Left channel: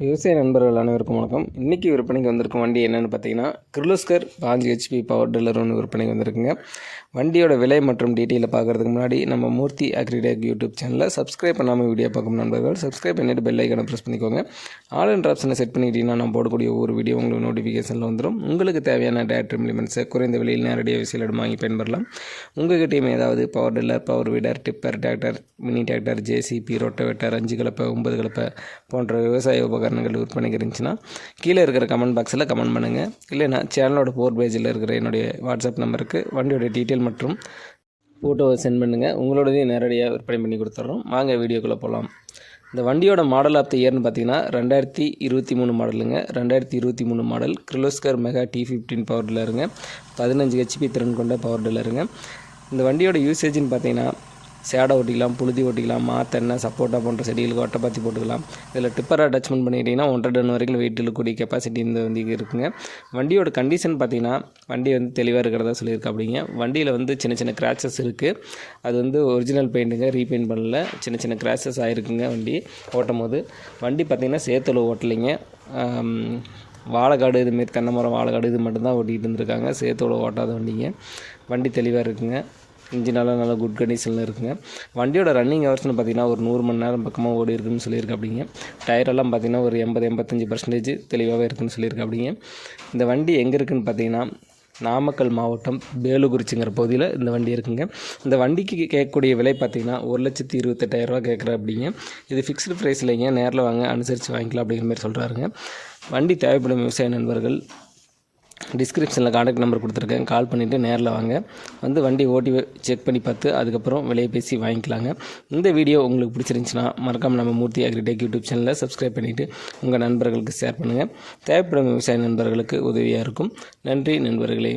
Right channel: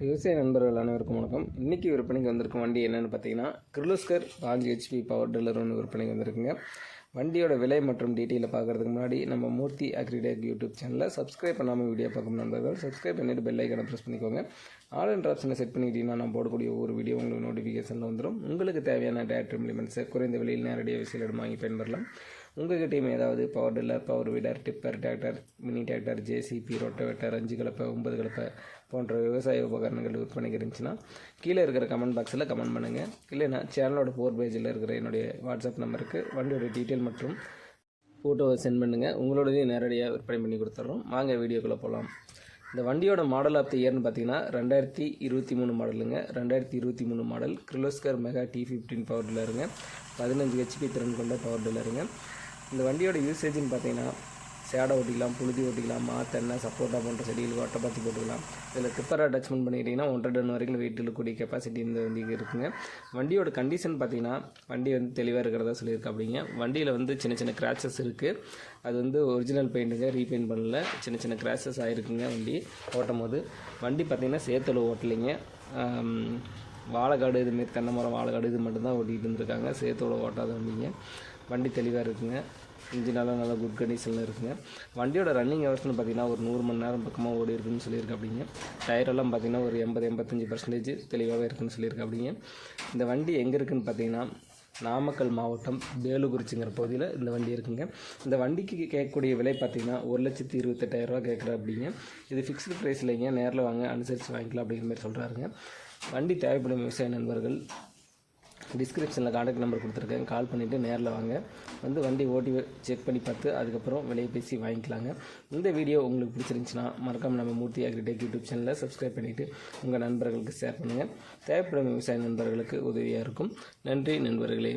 விவசாய நண்பர்கள் அனைவருக்கும் வணக்கம். இன்றைக்கி விற்பனைக்கு வந்திருக்கும் வண்டி என்னென்னு பார்த்தீங்கன்னா, கிர்லோஸ்கர் 5 HP பவர் டில்லர் ஒன்று விற்பனைக்கு வந்திருக்குங்க. வண்டியோட விலை மற்றும் டீட்டெயிலை பார்க்குறதுக்கு முன்னாடி நம்ம மூர்த்தி அக்ரிடெக் யூடியூப் சேனலில் சப்ஸ்கிரைப் பண்ணாமல் வீடியோ பார்க்கும் நண்பர்கள் சப்ஸ்கிரைப் பண்ணிவிட்டு பெல் ஐக்கனை ப்ரெஸ் பண்ணிக்கோங்க. ஆல் என்ற ஆப்ஷனை செட் பண்ணிக்கிட்டீங்கன்னா நான் போடக்கூடிய ஒவ்வொரு வீடியோ உங்களுக்கு நோட்டிஃபிகேஷனில் வந்துடும். உங்களுக்கு தேவையான டேரக்டர் இம்ப்ளிமெண்ட்ஸை குறைந்த விலையில் நேரடியாக விசையிடம் வாங்கி பயன்பெறலாம். உங்கள்கிட்டையும் ஏதாவது power tiller, power வீடர், tipper, tractor, mini tractor, JCB, rotavator, 5 கலப்பை, 9 கலப்பை போன்ற விவசாய உபகரணங்கள் விற்பனைக்கு இருந்துச்சுன்னா கீழே இருக்கிற கமெண்ட் பாக்ஸில் கமெண்ட் பண்ணுங்கள். இல்லைனா சேனலோட 4 பேஜில் இருக்கிற என்னுடைய வாட்ஸ்அப் நம்பருக்கு வண்டியோட டீட்டெயில் மற்றும் ஃபோட்டோவை சென்ட் பண்ணுங்கள். உங்களோடதையும் நேரடியாக விற்பனை பண்ணி கொடுத்துட்றோம். வாங்க வீடியோக்குள்ளே போகலாம். இந்த வண்டியோட மாடல் ஆஃப் த இயர்னு பார்த்தீங்கன்னா 2023 மாடலுங்க. 2023 model Kirloskar mega T15 power டில்லருங்க. 15 HP திறன் கொண்ட பவர் டில்லருங்க. இந்த வண்டியோட யூசேஜ்னு பார்த்தீங்கன்னா சேடை ஓட்டிக்கலாம், புழுதி ஓட்டிக்கலாம், மாத்தெண்ணை, சப்போட்டா போன்ற செடிகளுக்கு ஒட்டைப்பாத்தி போட்டுக்கலாம். இதில் டிப்பரை அட்டாச்மெண்ட் பண்ணிக்கிட்டிங்கன்னா 1.5 டன் வரைக்கும் வெயிட் இழுக்கக்கூடிய கெப்பாசிட்டி இந்த வண்டிக்கு இருக்குங்க. வண்டியோட கண்டிஷன் பார்த்தீங்கன்னா வண்டி தெளிவாக இருக்கிறதா சொல்லியிருக்கா. அப்படிங்க வண்டியில் சின்ன சின்ன கிராச்சஸ் இருக்குது. அது ஒரிஜினல் பெயிண்ட்டுங்க, ரீபெயிண்ட் பண்ணல. சின்ன சின்ன கிராச்சஸ் ஆகிருக்குங்க வண்டி ஓட்டும் போது. வண்டி பார்த்திங்கன்னா சேத்துல ஓட்டலைங்க. வாழைக்காடு இதுமாரி தென்னை மரம், வாழைக்காடு இது மட்டும்தான் ஓட்டிகிட்டு இருந்திருக்காங்க. சேத்தோட ஓட்டாத வண்டிங்க. வண்டி தெளிவாக இருக்குங்க. இன்ஜினெல்லாம் நல்லா குட் கண்டிஷனில் இருக்குங்க. வண்டியோட ரன்னிங் ஹவர்ஸ்னு பார்த்திங்கன்னா ஒரு 100 மணி நேரம் பக்கமாக ஓடி இருக்குன்னு சொல்லியிருக்கு. அப்படிங்க டயரெல்லாம் பார்த்திங்கன்னா ஒரு 80-85% தெளிவாகவே இருக்குன்னு சொல்லியிருக்கு. அப்படிங்க இந்த வண்டி எங்கே இருக்குதுன்னு பார்த்தீங்கன்னா நாமக்கல் மாவட்டம் பேலுக்குறிச்சிங்கிற பகுதியில் இந்த வண்டி இருக்குங்க. இந்த வண்டிக்கு கேட்கக்கூடிய விலை பார்த்திங்கன்னா 1,28,000 ரூபா கேட்குற. அப்படிங்க இது ஃபிக்ஸ்டு ப்ரைஸ் இல்லைங்க, நேரில் வாங்க அனுசரித்து வாங்கிக்கலாம் அப்படிங்கிற மாதிரி சொல்கிறாருங்க. வண்டி தேவைப்படும் விவசாய நண்பர்கள் டிஸ்கிரிப்ஷனில் கான்டாக்ட் நம்பர் கொடுத்துருக்கேன். கால் பண்ணிவிட்டு நேரில் வாங்க. வண்டி ஓட்டி செக் பண்ணி பார்த்து அதுக்கப்புறம் விலையை பேசி வாங்கிக்கலாங்க. இந்த வீடியோ உங்களுக்கு பிடிச்சிருந்துச்சுன்னா மறக்காமல் நம்ம மூர்த்தி அக்ரிடெக் யூடியூப் சேனலில் சப்ஸ்கிரைப் பண்ணிவிட்டு உங்கள் நண்பர்களுக்கு ஷேர் பண்ணுங்கள். தேவைப்படும் விவசாய நண்பர்களுக்கு உதவியாக இருக்கும். நன்றி நண்பர்களே.